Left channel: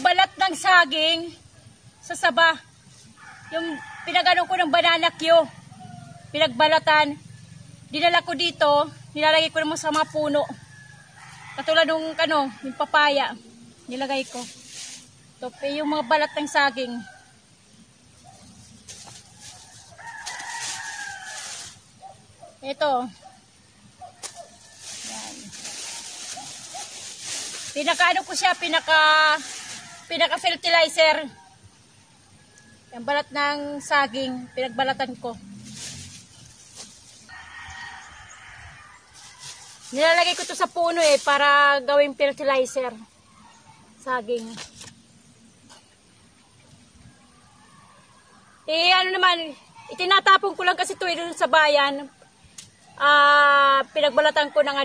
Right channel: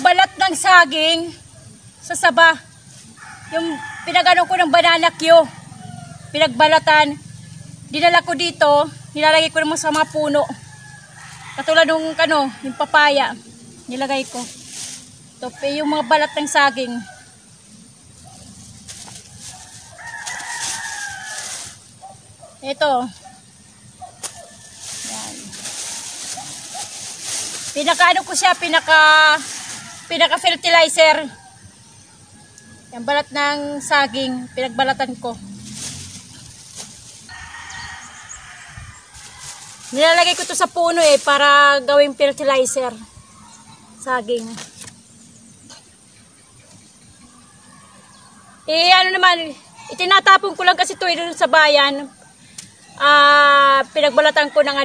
balat ng saging sa saba. Yung pinagano ko ng banana Q, pinagbalatan, dinala ko dito, nilalagay ko naman sa mga puno. Katulad nung yung papaya, nilagay ko. Ito, yung mga balat ng saging. Ito. Yan. Pinaka-ano ko siya, pinaka-fertilizer. Yung balat ng saging, pinagbalatan ko. Nilalagay ko to sa puno para gawing fertilizer. Saging. Ano naman, itinatapon ko lang kasi ito doon sa bayan. Pinagbalatan ko ng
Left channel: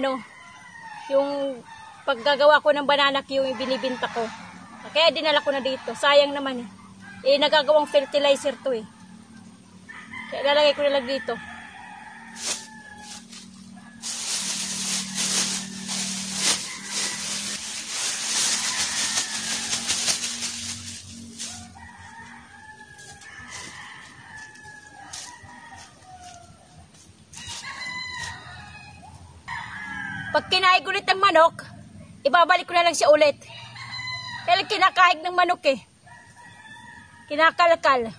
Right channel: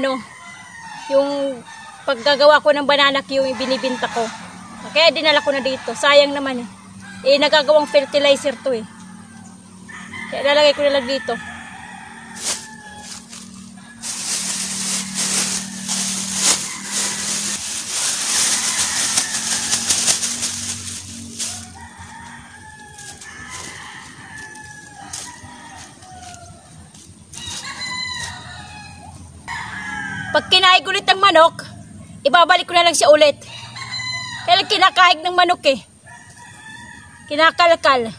yung paggagawa ko ng banana Q, yung binibinta ko. Kaya dinala ko na dito. Sayang naman nagagawang fertilizer to Kaya lalagay ko na lang dito. Pag kinaig ulit ng manok, ibabalik ko na lang siya ulit. Kaya kinakaig ng manok kinakalkal.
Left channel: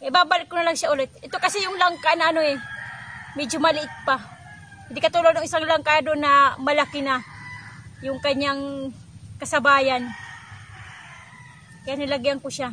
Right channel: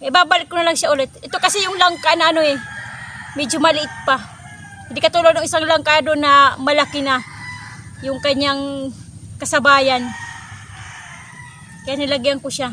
Ibabalik ko na lang siya ulit. Ito kasi yung langka na medyo maliit pa. Hindi katulad ng isang langka doon na malaki na yung kanyang kasabayan. Kaya nilagyan ko siya.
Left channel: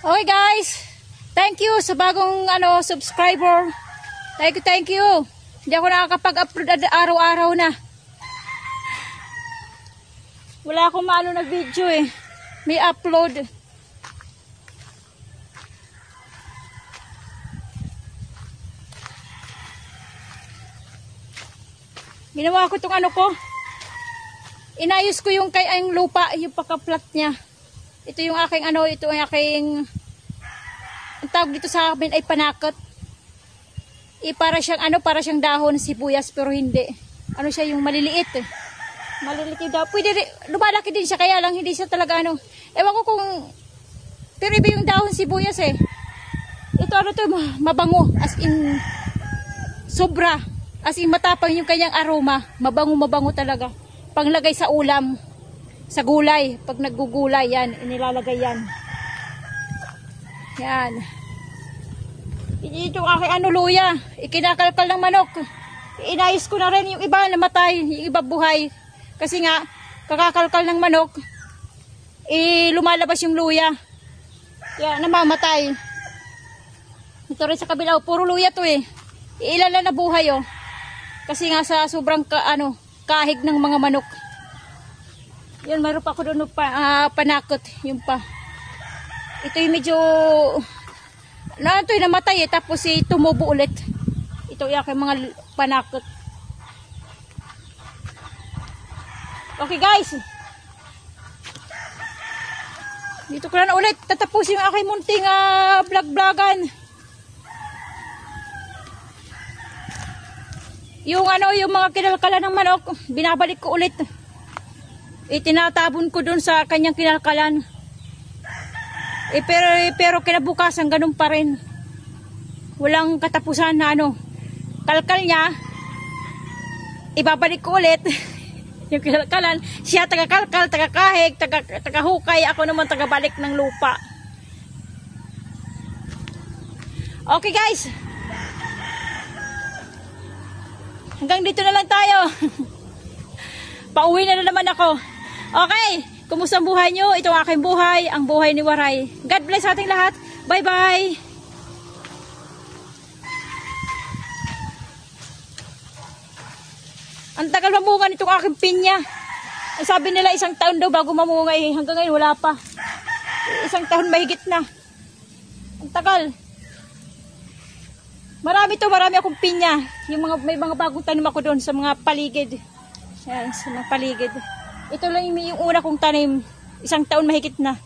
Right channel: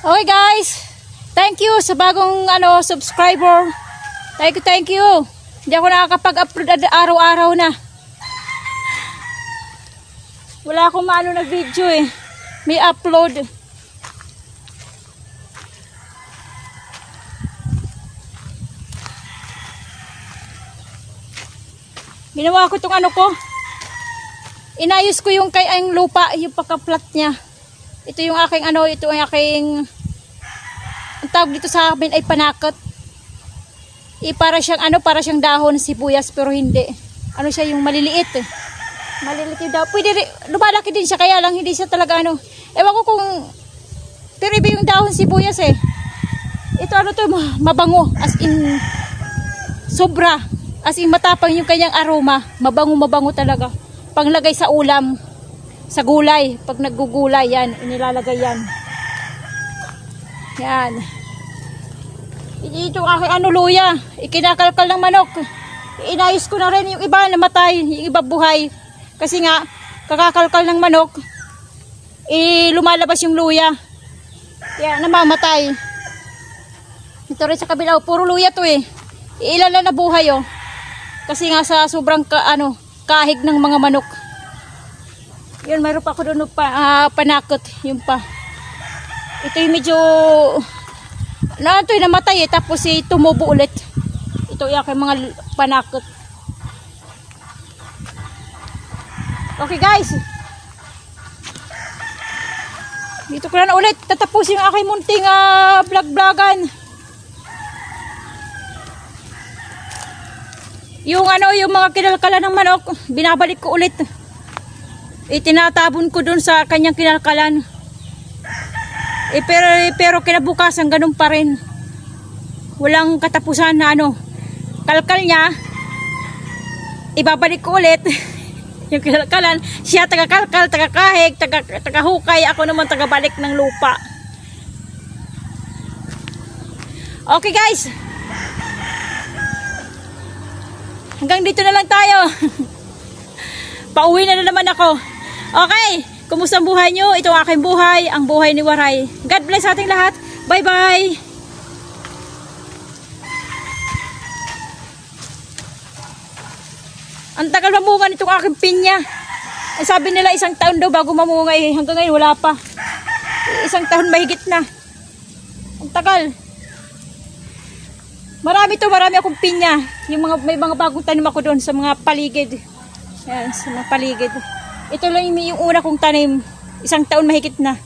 Okay guys, thank you sa bagong subscriber. Thank you. Hindi ako nakakapag-upload araw-araw na. Wala akong maano na video eh. May upload. Ginawa ko itong ko. Inayos ko yung kay ang lupa, yung pagka-flat niya. Ito yung aking ito ang aking ang tawag dito sa amin ay panakot. Para siyang para siyang dahon ng sibuyas pero hindi. Siya yung maliliit. Maliliit yung dahon. Pwede lumalaki din siya kaya lang hindi siya talaga Ewan ko kung pero iba yung dahon sibuyas eh. Ito to mabango as in sobra. As in matapang yung kanyang aroma. Mabango talaga. Panglagay sa ulam. Sa gulay. Pag naggugulay yan. Inilalagay yan. Yan. Ito aking luya. Ikinakalkal ng manok. Inayos ko na rin yung iba namatay. Yung iba buhay. Kasi nga kakakalkal ng manok. Lumalabas yung luya. Kaya namamatay. Ito rin sa kabila. Puro luya to eh. Ilan na nabuhay oh. Kasi nga sa sobrang kahig ng mga manok. Yun, mayroon pa ako doon panakot. Yung pa. Ito yung medyo namatay eh. Tapos tumubo ulit. Ito yung aking mga panakot. Okay guys. Dito ko na ulit. Tatapusin yung aking munting vlog-vlogan. Yung yung mga kinalkalan ng manok, binabalik ko ulit. Itinatabon ko dun sa kanyang kinalkalan. Pero kinabukasan ganun pa rin. Walang katapusan na kalkal niya. Ibabalik ko ulit. Yung kinalkalan, siya taga-kalkal, taga-kahig, taga-hukay, ako naman taga-balik ng lupa. Okay guys. Hanggang dito na lang tayo. Pauwi na naman ako. Okay, kumusta ang buhay nyo? Ito ang aking buhay, ang buhay ni Waray. God bless sa ating lahat. Bye-bye. Ang tagal mamunga nitong aking pinya. Ang sabi nila 1 taon daw bago mamunga eh. Hanggang ngayon wala pa. 1 taon mahigit na. Ang tagal. Marami akong pinya. May mga bagong tanim ako doon sa mga paligid. Yan, sa mga paligid. Ito lang yung una kong tanim. 1 taon mahigit na.